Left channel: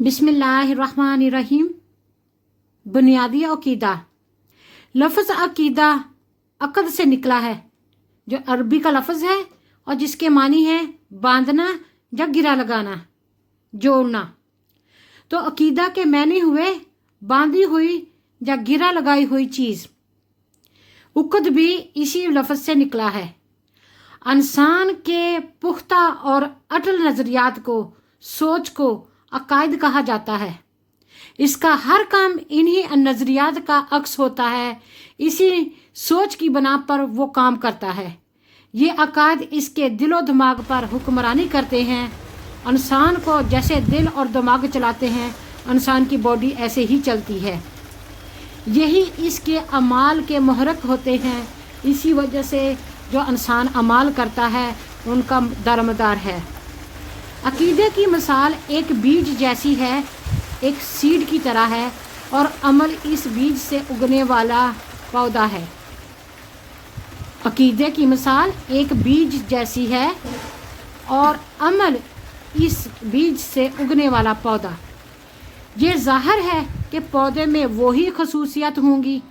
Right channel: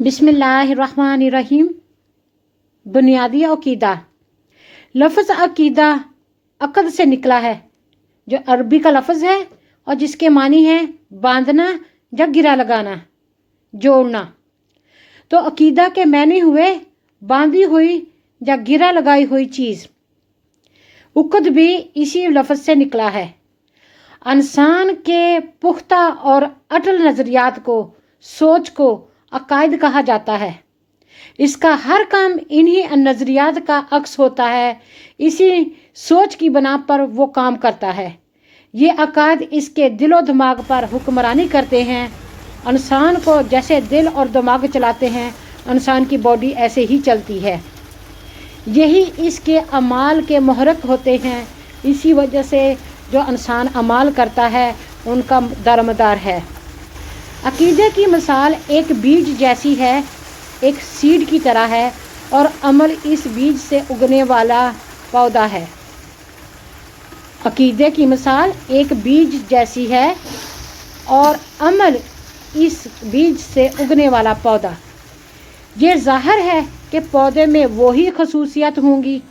बिस्मिल्लाहिर्रहमानिर्रहीम। बुनियादी अकीदा। लफ्ज़ अकीदा अक़द से निकला है, जो अरबी का लफ्ज़ है और जिसके मानी है बांधना या गिरा लगाना, जोड़ना। तो अकीदा के मानी हुए बांधी हुई या गिरा लगाई हुई चीज़। उक़द भी इसी लफ्ज़ से निकला है। इंसान के पुख्ता और अटल नज़रियात को, सोच को अकायद कहा जाता है। इसका हर काम इन्हीं नज़रियात का अक्स होता है। इसी सोच की बना पर वो काम करता है। ये अकायद इसके दिलो दिमाग पर हुक्मरानी करते हैं। इंसान को जैसे दिल और दिमाग चलाते हैं, इंसान की बॉडी ऐसे ही चलती है। यही इसके अमाल के मुहर्रिक होते हैं। इसी वजह से जो इंसान अमाल करता है उनका दारोमदार है। अकीदे की मिसाल एक बीज जैसी है, एक सीड की तरह है, और अमल इस बीज से उगने वाला पौधा है। अकीदे की मिसाल एक बीज जैसी है और अमल इस बीज से उगने वाला पौधा। ये ज़ाहिर है कि पौधे में वही खसूसियत होंगी,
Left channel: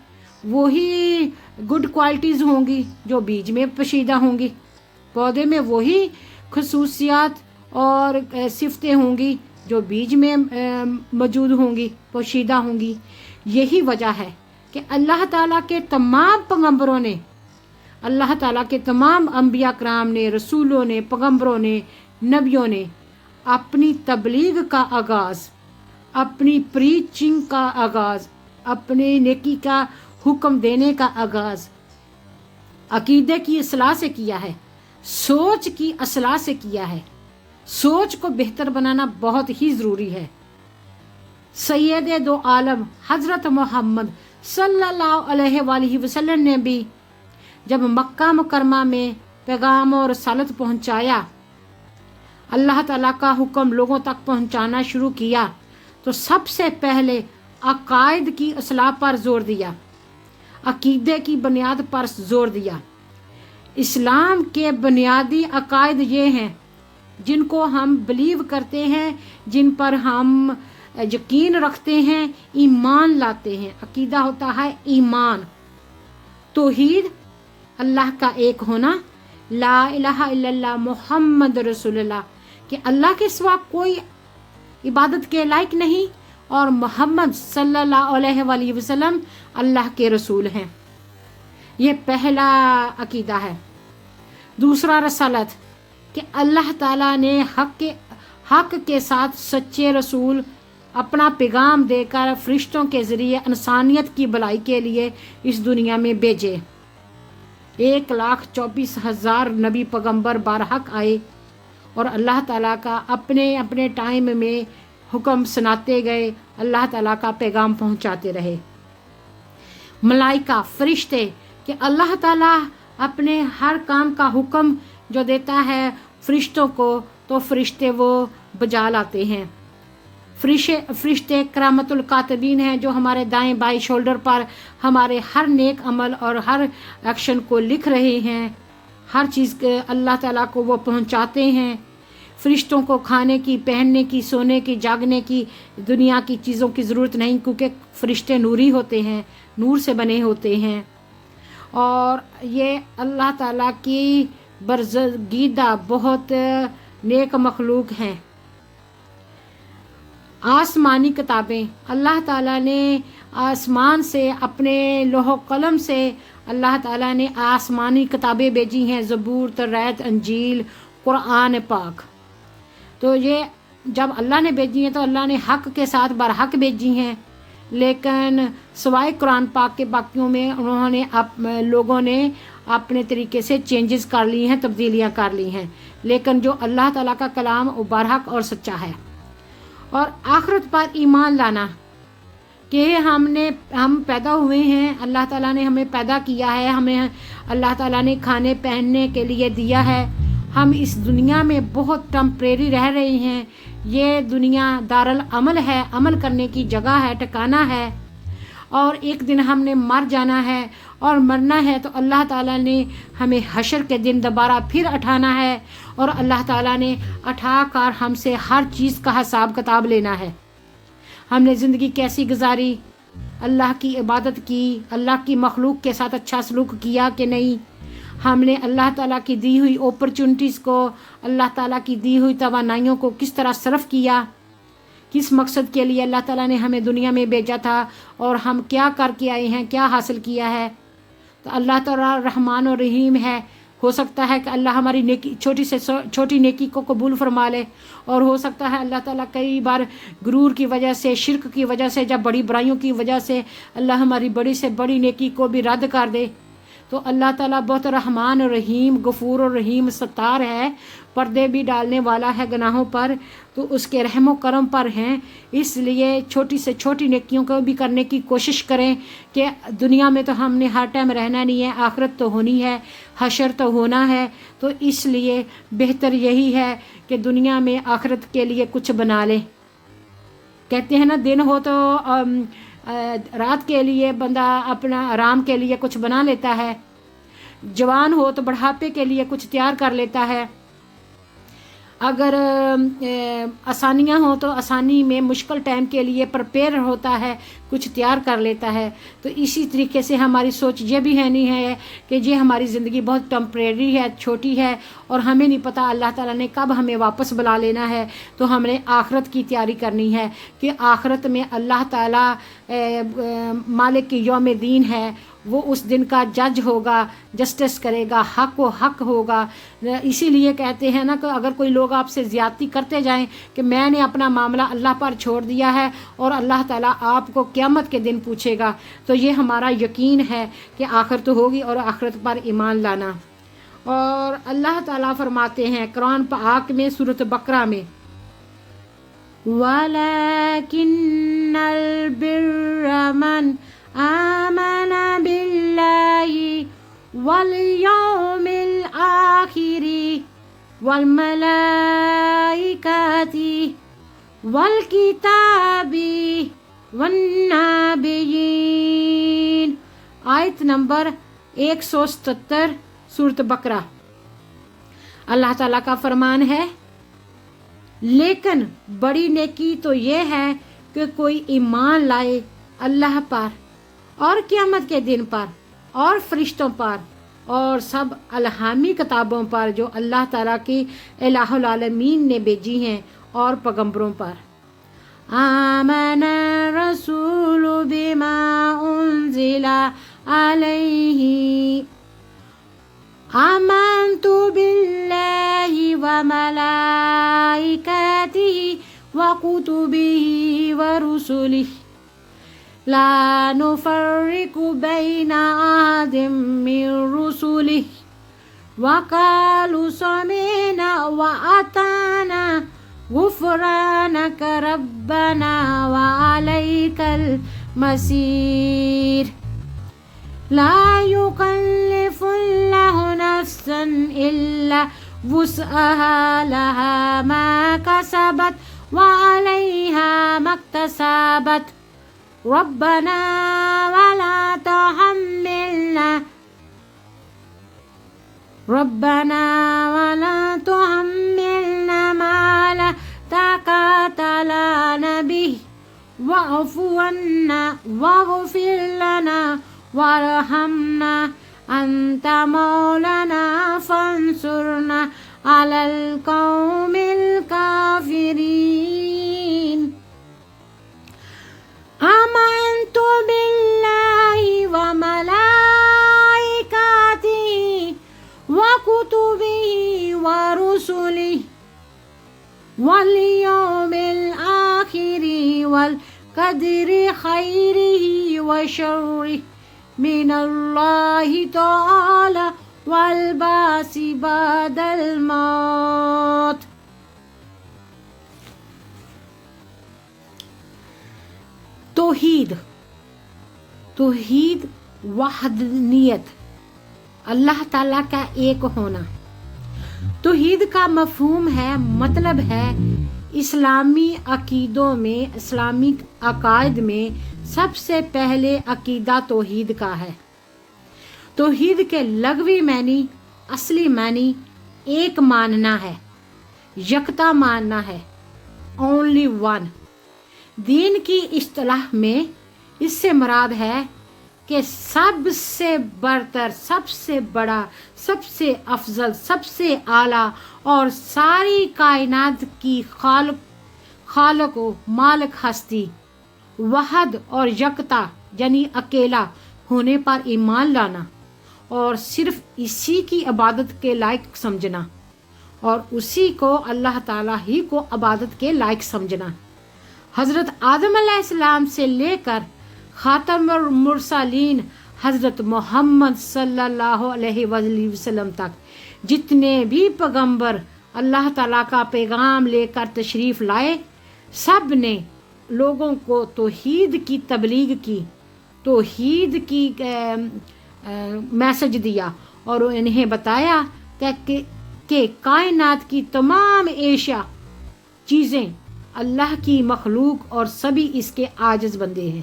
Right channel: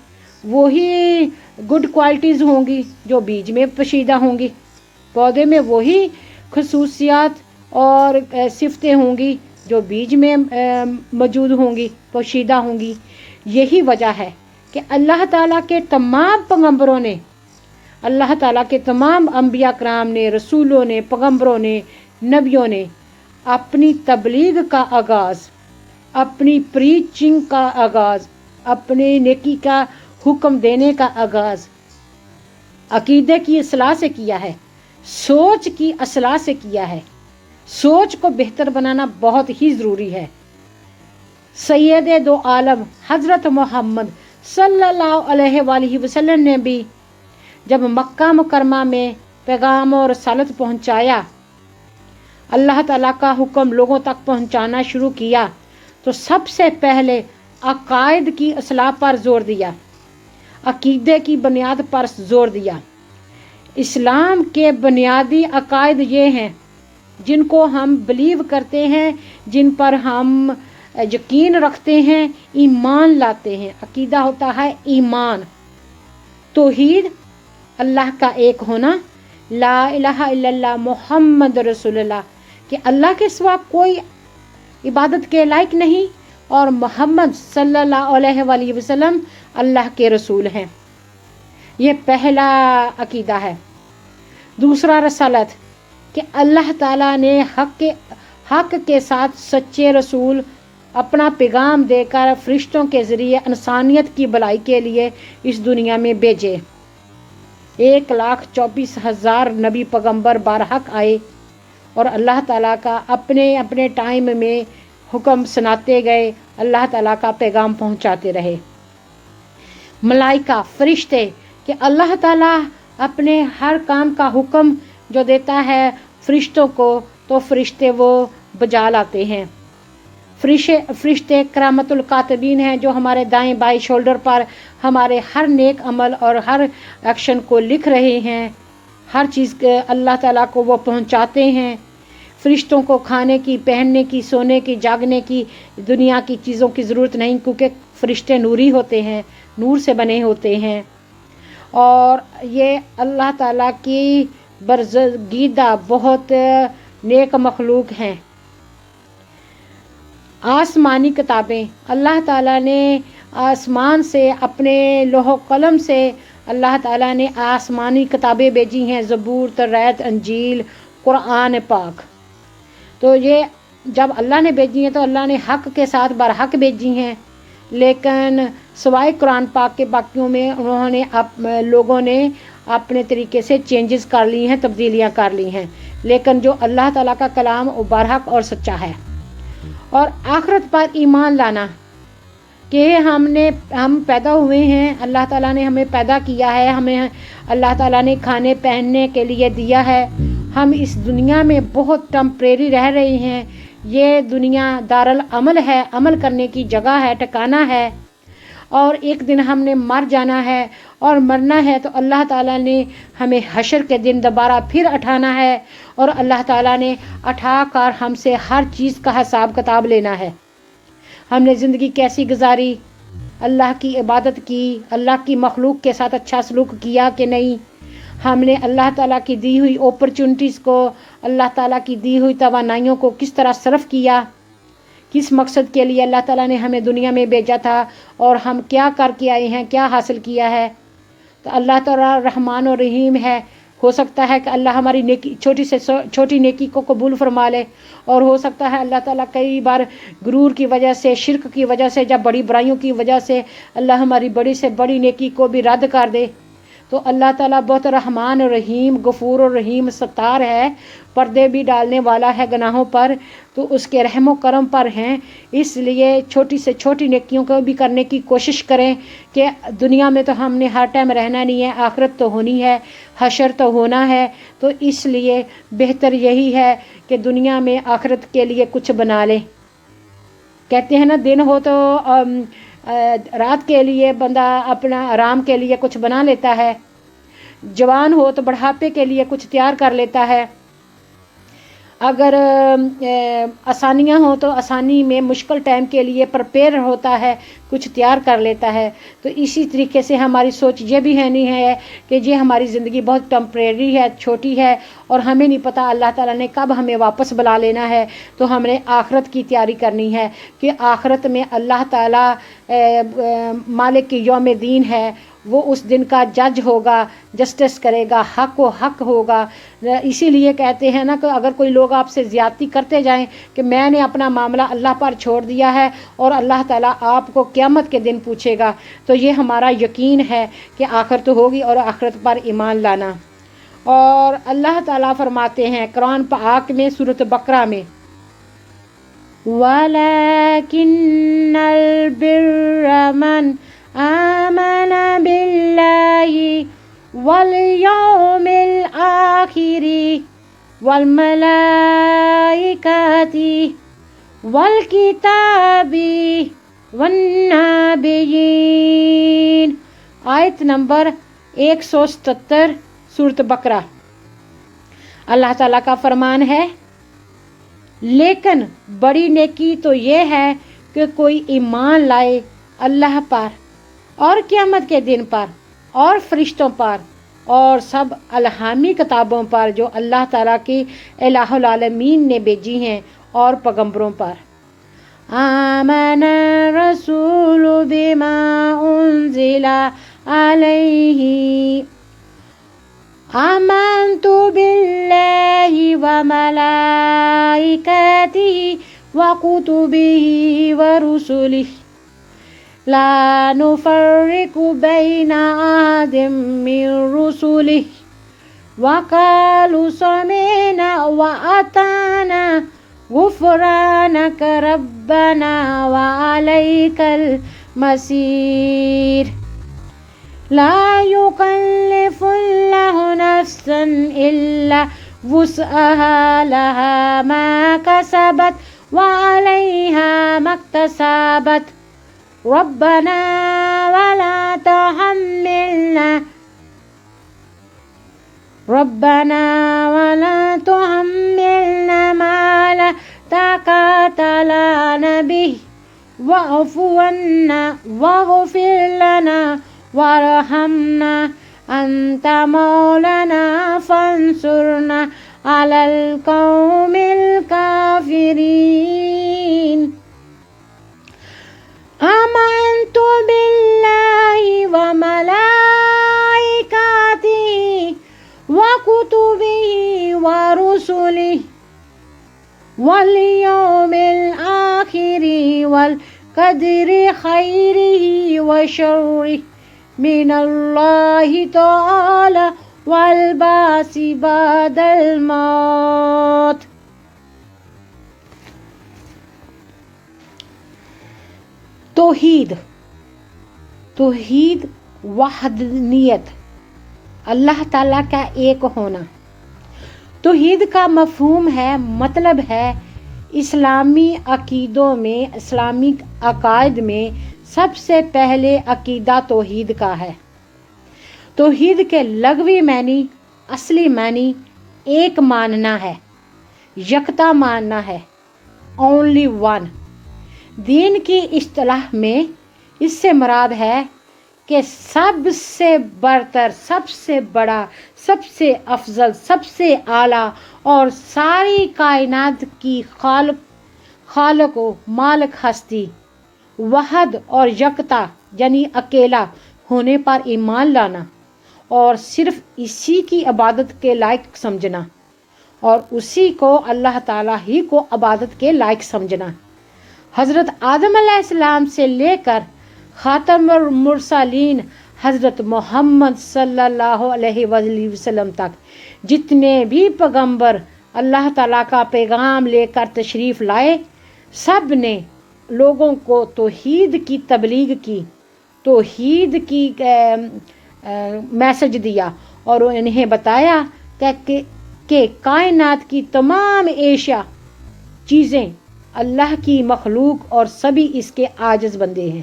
वही गुड क्वालिटीज़ होंगी जो बीज में पोशीदा होंगी। पौधे में वही खसूसियत और सिफ़तें होंगी जो बीज में मौजूद होंगी, पोशीदा होंगी। यही वजह है कि अल्लाह ताला के तमाम पैगंबरों ने, अल्लाह ताला के तमाम अंबिया कराम ने, रसूलों ने, पैगंबरों ने, नबियों ने अपनी तबलीग का आगाज़, अपनी प्रीचिंग का आगाज़, अपनी नेकी का हुक्म देने का आगाज़ अकीदे की असलाह से किया है, सोच की असलाह से किया है। सोच को बेहतर बनाना बहुत ही ज़रूरी है। सैयदे दो आलम हज़रत मोहम्मद सल्लल्लाहु अलैहि वसल्लम ने भी जब मक्का मुकरमा में पैगाम और रसालत पहुंचाया, अल्लाह ताला का हुक्म लोगों तक पहुंचाना शुरू किया, तो सबसे पहले अकायद की असलाह पर जोर दिया, अकीदे की बुनियाद पर जोर दिया। इस्लाम के बुनियादी अकायद ये हैं जिनको हम बिलीव करते हैं, जिन पर हम यकीन रखते हैं, ईमान लाते हैं। अकीदा होता है ईमान, तौहीद, अल्लाह का एक होना, ला इलाहा इल्लल्लाह मुहम्मद रसूलुल्लाह, कि अल्लाह के सिवा कोई इबादत के लायक नहीं और मोहम्मद सल्लल्लाहु अलैहि वसल्लम अल्लाह के रसूल हैं। ये पहला अकीदा है। दूसरा रसालत, कि अल्लाह ताला ने हक के साथ सच्चे रसूल अपना पैगाम देकर फरिश्तों के ज़रिए इंसानियत की भलाई के लिए इस दुनिया में भेजे। 1,24,000 नबी पैगंबर बारहक आए और अल्लाह ताला का अपने अपने टाइम में हुक्म सुनाते गए, अल्लाह ताला का पैगाम पहुंचाते रहे। मलाइका, फरिश्ते, कि अल्लाह ताला अपने हर काम का हुक्म जो देता है फरिश्तों को, तो फरिश्ते वो बजा लाते हैं। फरिश्ते करामतुल कातिबीन हैं, जो हमारे दाएं बाएं शोल्डर पर हमारे हर नेक अमल और हर एक्शन को लिख रहे हैं। हर चीज़ अल्लाह ताला को वो पहुंचाते हैं। फरिश्तों को खाने की, पहनने की, सोने की, जागने की, दुनिया की चीज़ों की ज़रूरत नहीं, क्योंकि फरिश्ते नूरी होते हैं, नूर से बने होते हैं। और ये अल्लाह ताला की बरगीदा बहुत नेक मखलूक हैं। आसमानी किताबें, अल्लाह ताला ने आसमान से अपने लोहो कलम से अल्लाह ताला ने आसमानी किताबें भेजी हैं, ज़बूर, तौरात, इंजील, कुरान पाक। तो ये जब अल्लाह ने भेजी हैं तो अल्लाह ने हक के साथ बरहक भेजी हैं, लेकिन सिवाय कुरान पाक के बाकियों में उन्होंने लोगों ने अपने तरीके से चेंजेस कर ली हैं, तब्दीलियां कर ली हैं। लेकिन जो अल्लाह ताला का कलाम वो बरहक और सच्चा है। और आखिरत पर ईमान लाना, कि हम पैदा हुए हैं, अल्लाह ताला ने हमें पैदा किया है, हमें अल्लाह ताला ने खाने पहनने के लिए दिया है। हम इस दुनिया में बहुत टेम्परेरी रह रहे हैं। ये दुनिया दारुल अमल है, अमल करने की जगह है, ठिकाना है, और एक दिन हमने मर जाना है। और मरना है तो अल्लाह ताला ने हमें हशर के दिन दोबारा फिर उठाना है, और अल्लाह ताला ने उठा कर हमसे हर चीज़ का हिसाब किताब लेना है। ہم نے زندگی کیسی گزاری، اللہ کی عبادت کی، اللہ کی مخلوق کے ساتھ اچھا سلوک کیا کہ نہیں، ہم نے اللہ تعالیٰ کی دی ہوئی اپرچونٹیز کو، اللہ تعالیٰ کی دی ہوئی توانائیوں کو کس طرح صرف کیا، کس مقصد کے لیے اللہ تعالیٰ نے ہمیں دنیا میں بھیجا تھا اور ہم کیا کر کے آئے ہیں، کیا حاصل کیا ہے۔ تو اللہ تعالیٰ رحمان و رحیم ہے، ہو سکتا ہے کہ اللہ ہماری نیکی چھوٹی سے چھوٹی نیکی کو قبول فرما لے، اور ہو سکتا ہے اللہ تعالیٰ کئی بار غرور کی وجہ سے، شرک کی وجہ سے، جب بڑی برائیوں کی وجہ سے اللہ ہماری بڑی سے بڑی نیکی کو بھی رد کر دے۔ تو اللہ تعالیٰ بہت رحمان و رحیم، غفور و رحیم، ستار ہے، پردے بھی ڈالنے والا ہے گناہوں پر، تو اس کے رحم و کرم پر ہیں۔ اس لیے چھوٹی سے چھوٹی نیکیوں کو بھی کرنے کی کوشش کریں کہ دنیا میں تو ہم نے ہر ٹائم رہنا نہیں ہے، آخرت تو ہونی ہے، حشر تو ہونا ہے، تو اس لیے بہتر یہی ہے کہ دنیا میں آخرت کے لیے کچھ بنا لیں۔ کہتے ہیں نا، دن ہو تو رات کے لیے بندہ اپنا آرام کے لیے کچھ بنا لیتا ہے، جوان ہو تو بڑھاپے کے لیے کچھ تیار کر لیتا ہے، اگر آسانیاں ہوں تو آسانی میں مشکل ٹائم کے لیے پرپیئر ہوتا ہے، کچھ تیار کر لیتا ہے۔ تو اسی طریقے سے ہماری سوچ یہ بھی ہے نہیں ہے کہ یہ ہماری زندگی بہت ٹیمپریری ہے، چھوٹی ہے، اور ہمیں نہیں پتہ اللہ تعالیٰ نے کب ہمیں واپس بلا لینا ہے۔ تو ہم نے آخرت کی تیاری کرنی ہے کہ آخرت میں اللہ تعالیٰ مالک یوم دین ہے، وہ اس دن کا جج ہوگا، جسٹس کرے گا، حق و حق ہوگا۔ اسی لیے کہتے ہیں نا کہ اگر کوئی لوگ آپ سے زیادتی کرتے جائیں کہ میں نے اپنا معاملہ اللہ پر چھوڑ دیا ہے اور اللہ تعالیٰ آپ کو قیامت کے دن پوچھے گا، تو یہ ہمارا یقین ہے کہ آخرت ہوگی اور آخرت پر ایمان لانا۔ اور اللہ تعالیٰ فرماتے ہیں قرآن پاک میں سورۃ بقرہ میں، وَلَكِنَّ الْبِرَّ مَنْ آمَنَ بِاللَّهِ وَالْيَوْمِ الْآخِرِ وَالْمَلَائِكَةِ وَالْكِتَابِ وَالنَّبِيِّينَ۔ آیت نمبر 177 سورۃ بقرہ۔ اللہ تعالیٰ کا فرمان ہے، لیکن بڑی نیکی تو یہ ہے کہ کوئی ایمان لائے اللہ پر اور قیامت کے دن پر اور فرشتوں پر اور سب الہامی کتابوں پر جو اللہ تعالیٰ کی الہ العالمین نے بھیجی ہیں اور پیغمبروں پر۔ آمن الرسول بما انزل علیہ آمنت باللہ وملائکتہ وکتبہ ورسلہ لا نفرق بین احد من رسلہ وقالوا سمعنا وأطعنا غفرانك ربنا وعليك المصير لا يكلف الله نفسا إلا وسعها لها ما كسبت وعليها ما اكتسبت ربنا ولا تحملنا ما لا طاقة لنا به واعف عنا واغفر لنا وارحمنا أنت مولانا فانصرنا على القوم الكافرين آمنت بالله وملائكته وكتبه ورسله واليوم الآخر والقدر خيره وشره من الله تعالى والبعث بعد الموت۔ توحید وحدانیت، اللہ تعالیٰ کا ایک ہونا۔ توحید کا مفہوم ہے، مطلب ہے اسلامی عقیدوں میں، اسلامی عقائد میں سب سے پہلے عقیدہ توحید کا ہے۔ توحید کے لغوی معنی، اصلی معنی ایک ماننا ہے، یکتا ماننا ہے، اونلی ون۔ دین کی اصطلاح میں اس سے مراد ہے کہ سب سے برتر، سب سے بڑا، سب سے افضل، سب سے اعلیٰ اور ساری کائنات کی خالق و مالک ہستی، وحد اور یکتا یعنی اکیلا ہونے پر ایمان لانا اور صرف اسی کی عبادت کے لائق سمجھنا اور اسی کو اللہ تعالیٰ ہی کو عبادت کے لائق سمجھنا۔ حضرت آدم علیہ السلام سے لے کر خاتم المرسلین حضرت محمد صلی اللہ علیہ وآلہ وسلم تک جتنے بھی پیغمبر اللہ تعالیٰ کا پیغام لے کر تشریف لائے، سب نے لوگوں کو توحید کی تبلیغ کی، توحید کی میسج دیا اور انہیں بتایا کہ کائنات کی تمام اشیاء چیزیں اللہ کی مخلوق اور سبھی اس کے عاجز بندے ہیں۔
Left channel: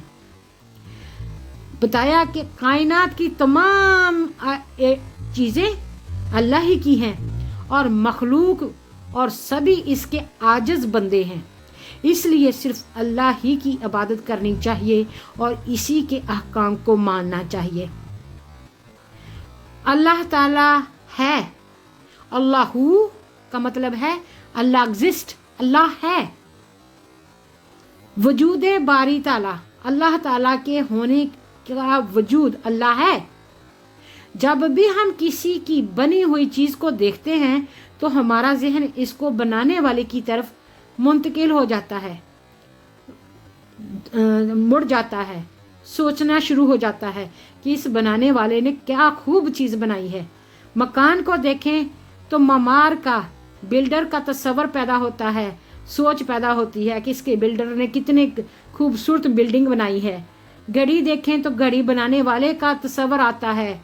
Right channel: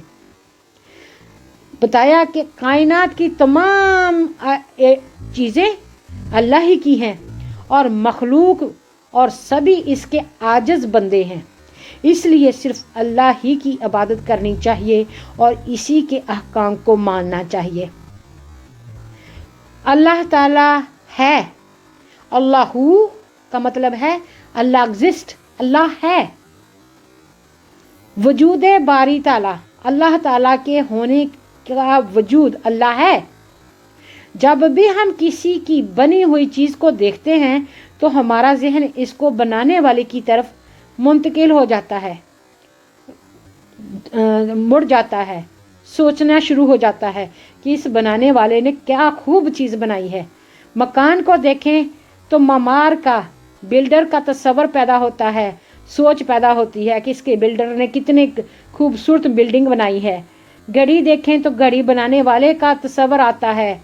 بتایا کہ کائنات کی تمام چیزیں اللہ ہی کی ہیں اور مخلوق اور سبھی اس کے عاجز بندے ہیں، اس لیے صرف اللہ ہی کی عبادت کرنی چاہیے اور اسی کے احکام کو ماننا چاہیے۔ اللہ تعالیٰ ہے، اللہ کا مطلب ہے اللہ ایگزسٹ، اللہ ہے۔ وجود باری تعالیٰ، اللہ تعالیٰ کے ہونے کا وجود اللہ ہے۔ جب بھی ہم کسی کی بنی ہوئی چیز کو دیکھتے ہیں تو ہمارا ذہن اس کو بنانے والے کی طرف منتقل ہو جاتا ہے، مڑ جاتا ہے، سوچنا شروع ہو جاتا ہے کہ اس بنانے والے نے کیا خوب چیز بنائی ہے۔ مکان کو دیکھیں تو معمار کا، بلڈر کا تصور پیدا ہوتا ہے، سوچ پیدا ہوتی ہے کہ اس کے بلڈر نے کتنے خوبصورت بلڈنگ بنائی ہے۔ گھڑی دیکھیں تو گھڑی بنانے والے کا تصور آتا ہے،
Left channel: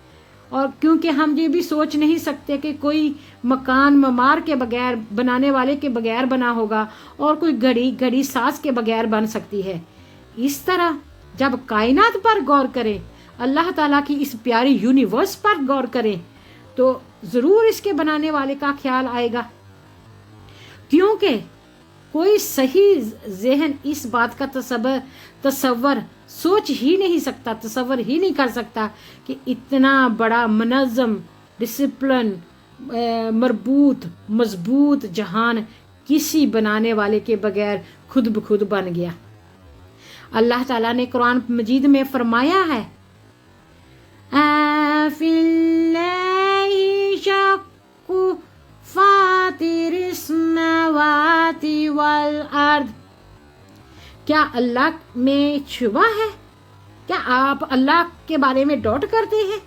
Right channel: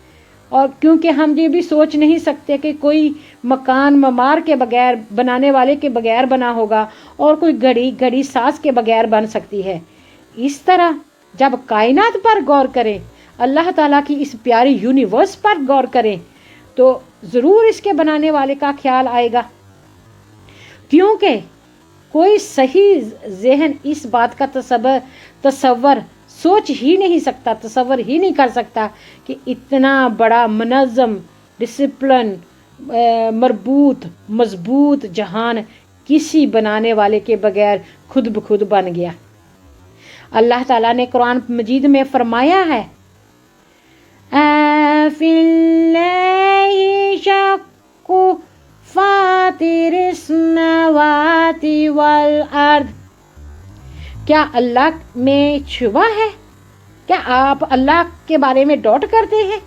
اور کیونکہ ہم یہ بھی سوچ نہیں سکتے کہ کوئی مکان معمار کے بغیر، بنانے والے کے بغیر بنا ہوگا اور کوئی گھڑی ساز کے بغیر بن سکتی ہے۔ اس طرح جب کائنات پر غور کریں، اللہ تعالیٰ کی اس پیاری یونیورس پر غور کریں تو ضرور اس کے بنانے والے کا خیال آئے گا، کیونکہ کوئی صحیح ذہن اس بات کا تصور سوچ ہی نہیں سکتا، تصور ہی نہیں کر سکتا کہ اتنا بڑا منظم، ڈسپلن، مربوط، مضبوط جہان کسی بنانے والے کے بغیر خود بخود بن گیا۔ اللہ تعالیٰ نے قرآن مجید میں فرمایا ہے، فِي اللَّهِ شَقُّ فَاطِرِ السَّمَاوَاتِ وَالْأَرْضِ۔ کیا اللہ میں شبہ ہے؟ کیا آپ اللہ کے بارے میں ڈاؤٹ کرتے ہیں؟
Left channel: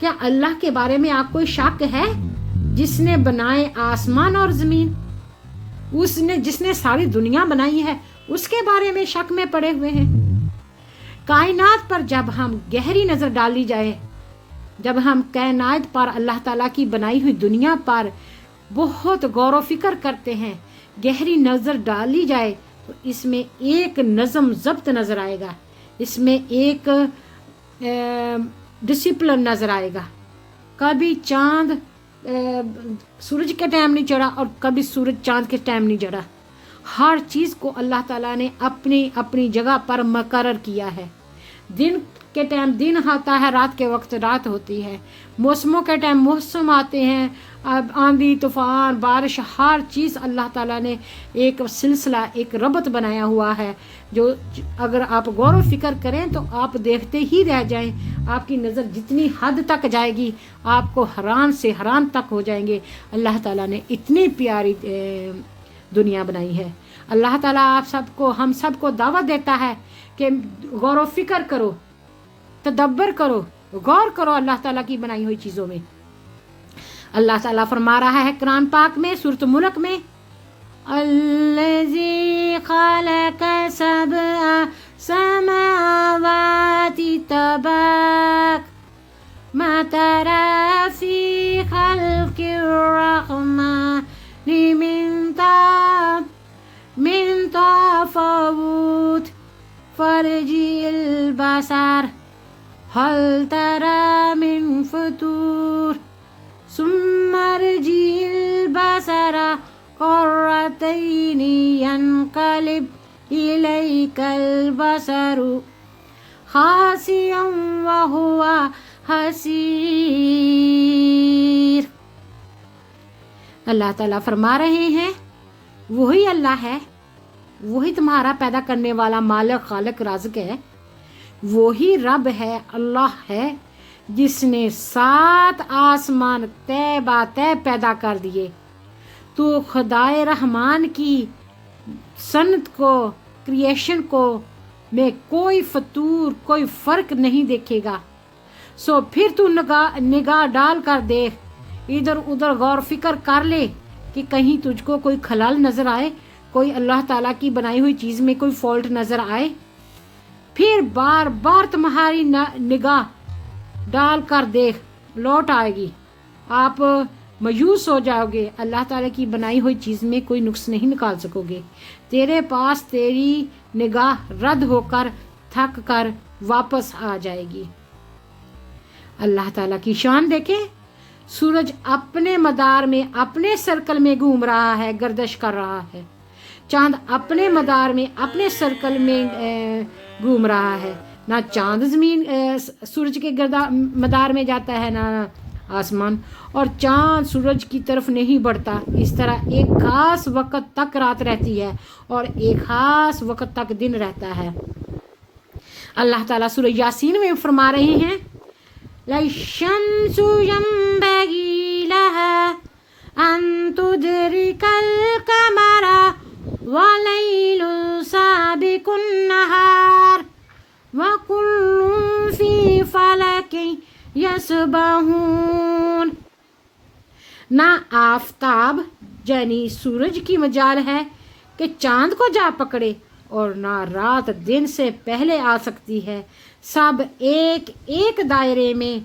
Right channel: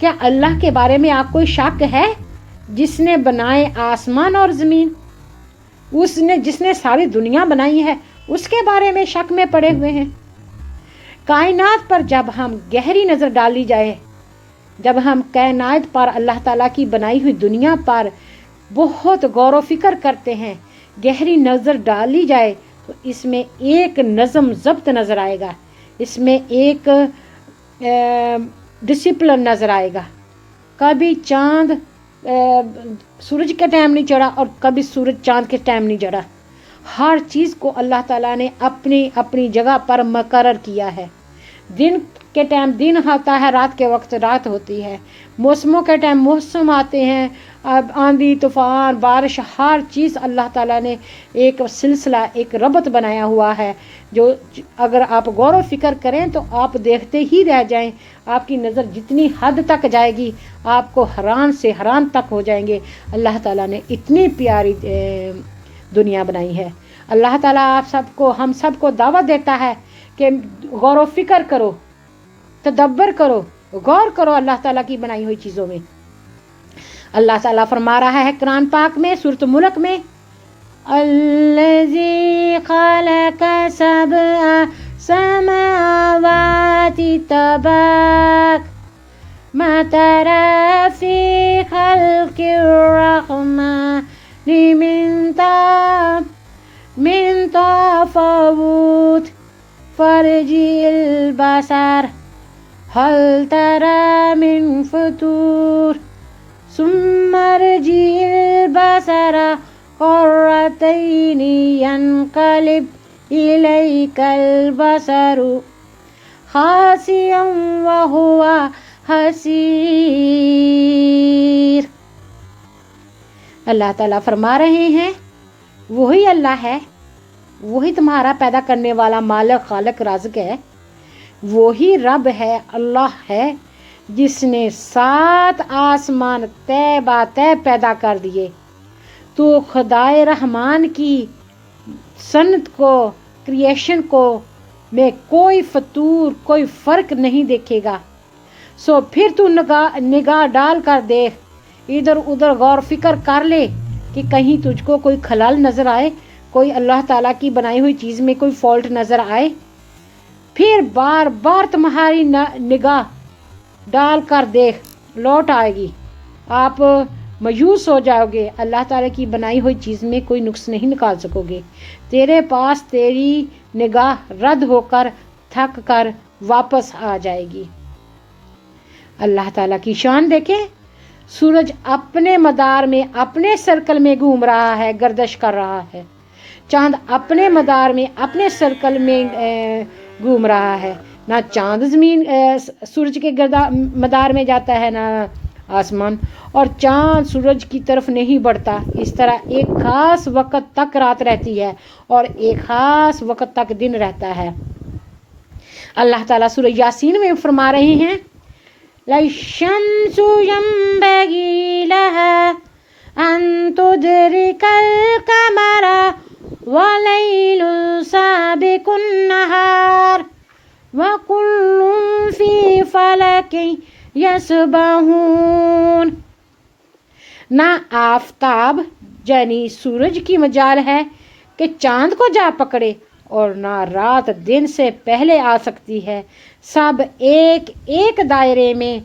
کیا اللہ کے بارے میں آپ کوئی شک ہے؟ جس نے بنائے آسمان اور زمین، جس نے ساری دنیا بنائی ہے، اس کے بارے میں شک میں پڑے ہوئے ہیں۔ کائنات پر جب ہم گہری نظر ڈالی جائے، جب ہم کائنات پر، اللہ تعالیٰ کی بنائی ہوئی دنیا پر بہت غور و فکر کرتے ہیں، گہری نظر ڈالی جائے تو اس میں ایک نظم ضبط نظر آئے گا، اس میں ایک ڈسپلن نظر آئے گا۔ کبھی چاند سورج کے ٹائم نہیں چڑھا اور کبھی سورج چاند کے ٹائم نہیں چڑھا، ہر چیز کو اللہ تعالیٰ نے اپنی اپنی جگہ پر مقرر کیا ہے۔ دن کے ٹائم دن ہوتا ہے، رات کے وقت رات ہوتی ہے، موسموں کے ٹائم موسم آتے ہیں، آندھی طوفان بارش، ہر چیز اللہ تعالیٰ نے ایک سلسلہ، ایک ربط بنایا ہوا ہے، جو اگر آپ غور و فکر کریں تو آپ دیکھتے ہی رہ جائیں۔ آپ کی نظر جتنی حد تک جائے گی آپ کو حیران سے حیران تک ہو جائیں گے، اللہ تعالیٰ نے اتنی پیاری دنیا بنائی ہے۔ اللہ تعالیٰ آپ سب کو، ہم سب کو دعوت دیتا ہے کہ غور و فکر کرو، تدبر کرو، غور کرو اللہ تعالیٰ کی بنائی ہوئی چیزوں میں۔ اللہ تعالیٰ فرما رہا ہے قرآن پاک میں سورۃ ملک میں، الذی خلق سبع سماوات طباق ما تری فی خلق الرحمن من تفاوت فارجع البصر هل ترى من فطور ثم ارجع البصر كرتين ينقلب इलैकल बसरु खासियम व हुवा हसीर। अल्लाह ताला फरमा रहे हैं वही अल्लाह है, वही तुम्हारा पैदा करने वाला मालिक खालिक राज़िक है, वही रब है, अल्लाह है जिसने 7 आसमान तय बा तय पैदा कर दिए। तो खुदाए रहमान की सन्नत को, क्रिएशन को में कोई फतूर, कोई फ़र्क नहीं देखेगा। सो फिर तू निगाह डाल कर देख, इधर उधर गौर फिक्र कर ले कि कहीं तुझको कोई खलल नज़र आए, कोई अल्लाह ताला की बनाई हुई चीज़ में कोई फॉल्ट नज़र आए। फिर बार बार तुम्हारी निगाह डाल कर देख, लौट आएगी, आप मायूस हो जाओगे, अल्लाह ताला की बनाई हुई चीज़ में कोई नुक्स नहीं निकाल सकोगे। तेरे पास तेरी निगाह रद्द होकर थक कर वापस आ जाएगी। अल्लाह ताला की शान देखें, सूरज अपने मदार में, अपने सर्कल में घूम रहा है, गर्दिश कर रहा है। चांद अपने मदार में, अपने सर्कल में घूम रहा है। ना चांद ज़मीन सूरज के मदार में जाता है, ना आसमान, और चांद सूरज की तरफ नहीं बढ़ता। इस तरह एक खास वक्त तक रात रहती है और एक खास वक्त तक दिन रहता है। अल्लाह ताला सूरह यासीन में फरमा रहे हैं लशम्सु यंबगी लहा अन तुदरिकल कमरा वलैलु साबिकुन नहार वकुल्लुन फी फलकिन यसबहून। ना आफताब यानी सूरज की मजाल है कि चांद को जा पकड़े, और ना रात दिन से पहले आ सकती है। सब एक एक दायरे में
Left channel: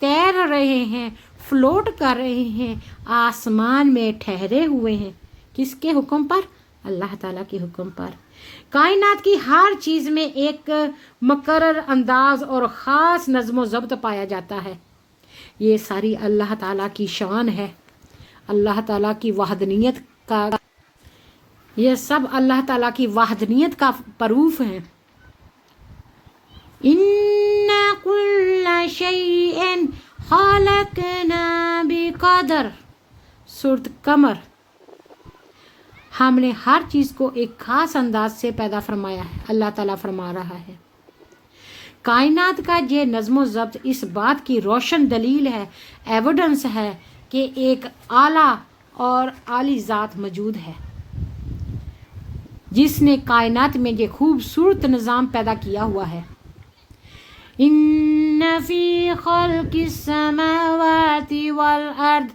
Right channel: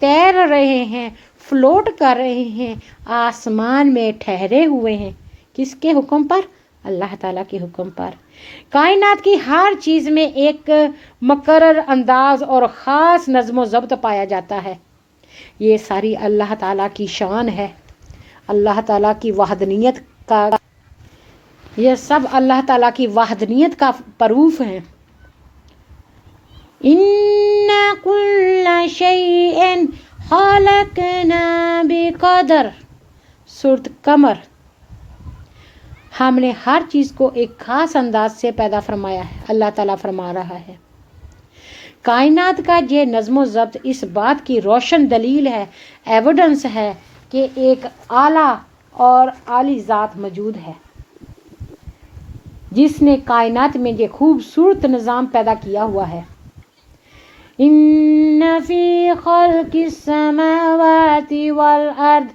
तैर रहे हैं, फ्लोट कर रहे हैं, आसमान में ठहरे हुए हैं। किसके हुक्म पर? अल्लाह ताला के हुक्म पर। कायनात की हर चीज़ में एक मुकर्रर अंदाज और ख़ास नज़्म व ज़ब्त पाया जाता है। ये सारी अल्लाह ताला की शान है, अल्लाह ताला की वहदनियत का, ये सब अल्लाह ताला की वहदनियत का प्रूफ है। इन्ना कुल्ला शैइन खलकना बिक़दर, सूरत कमर। हमने हर चीज़ को एक ख़ास अंदाज से पैदा फरमाया है, अल्लाह ताला फरमा रहा है। कायनात का ये नज़्म ज़ब्त इस बात की रोशन दलील है, एविडेंस है कि एक आला और आली ज़ात मौजूद है जिसने कायनात में ये खूबसूरत निज़ाम पैदा किया हुआ है। इन्ना फी खल्क़िस समावाति वल अर्द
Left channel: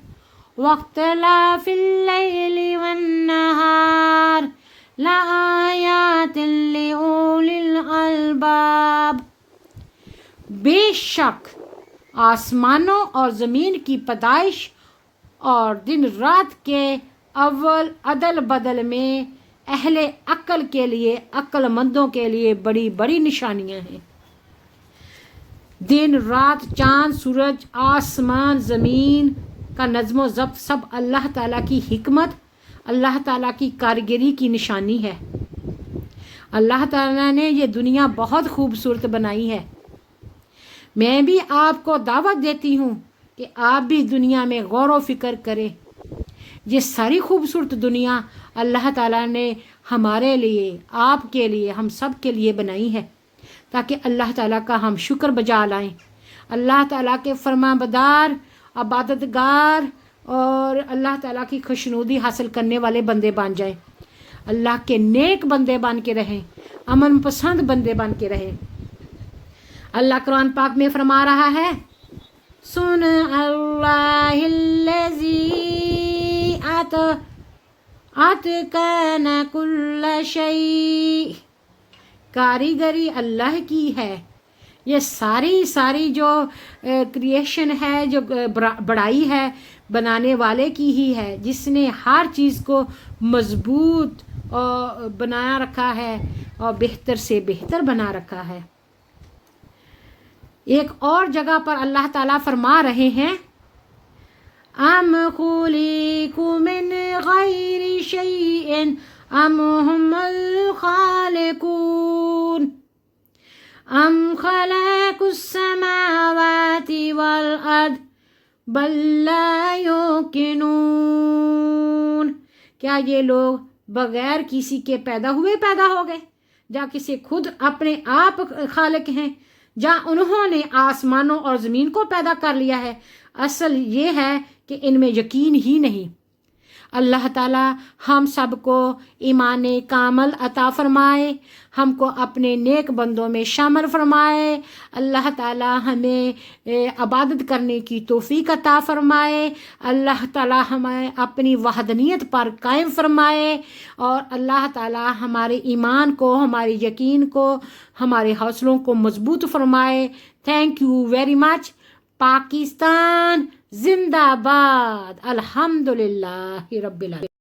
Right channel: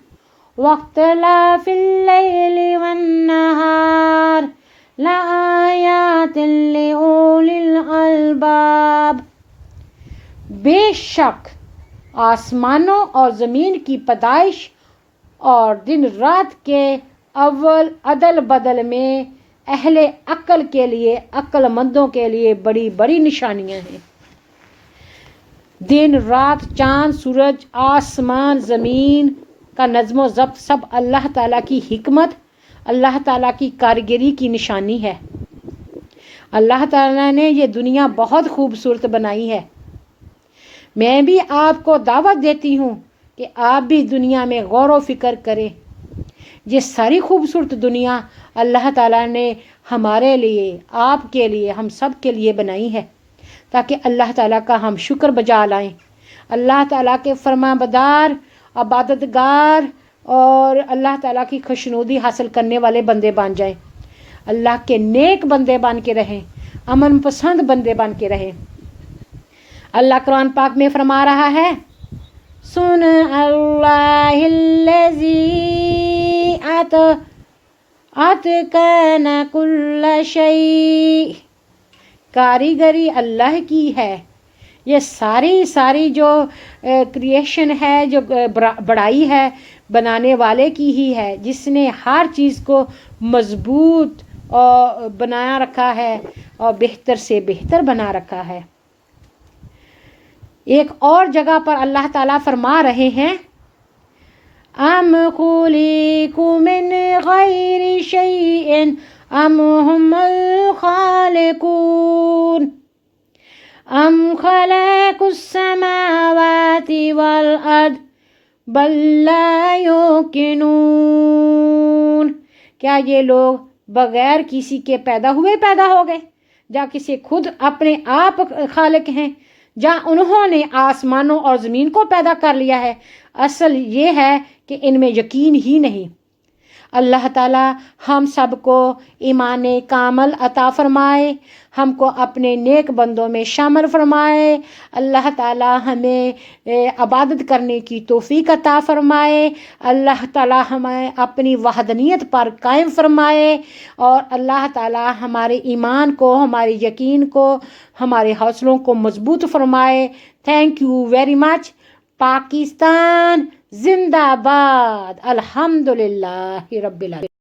वख्तिलाफिल लैलि वन नहार लआयातिन लिउलिल अलबाब। बेशक आसमानों और ज़मीन की पैदाइश और दिन रात के अव्वल अदल बदल में अहले अक्ल के लिए, अक्लमंदों के लिए बड़ी बड़ी निशानियां हैं। दिन रात, चांद सूरज, आसमान ज़मीन का नज़्म ज़ब्त सब अल्लाह ताला की हिकमत, अल्लाह ताला की कारीगरी की निशानी है। अल्लाह ताला ने ये दुनिया बहुत खूबसूरत बनाई है। मैं भी आपको दावत देती हूँ कि आप भी दुनिया में गौर व फिक्र करें। ये सारी खूबसूरत दुनिया अल्लाह ताला ने हमारे लिए, आपके लिए, हम सब के लिए बनाई है ताकि अल्लाह ताला का हम शुक्र बजा लाएं, अल्लाह ताला के फरमाबरदार, इबादतगार और अल्लाह ताला की खुशनुदी हासिल करने वाले बंदे बन जाएं, अल्लाह के नेक बंदे बन के रहें, अमन पसंद बंदे बन के रहें। अल्लाह कुरान पाक में फरमा रहा है सुन अल्लाहिल्लज़ी अतकना कुल्ला शै। कारीगरी अल्लाह की है, ये सारी जो क्रिएशन है, जो बड़ाई है, बनाने वाले की ही है, जिसने हर चीज़ को मजबूत और बनाया रखा है और बेहतर से बेहतर बना रखा है। एक और जगह पर अल्लाह ताला फरमा रहे हैं अम खुलिकु मिन गैरि शैइन ام هم الخالقون ام خلقوا السماوات والارض بل لا یوقنون، کیا یہ لوگ بغیر کسی کے پیدا ہو گئے، یا کسی خود اپنے آپ خالق ہیں، یا انہوں نے آسمانوں اور زمین کو پیدا کر لیا ہے؟ اصل یہ ہے کہ ان میں یقین ہی نہیں۔ اللہ تعالی ہم سب کو ایمان کامل عطا فرمائے، ہم کو اپنے نیک بندوں میں شامل فرمائے، اللہ تعالی ہمیں عبادت کرنے کی توفیق عطا فرمائے، اللہ تعالی ہمیں اپنی وحدانیت پر قائم فرمائے، اور اللہ تعالی ہمارے ایمان کو، ہمارے یقین کو، ہمارے حوصلوں کو مضبوط فرمائے۔ Thank you very much. Pakistan زندہ باد، الحمدللہ رب العالمین۔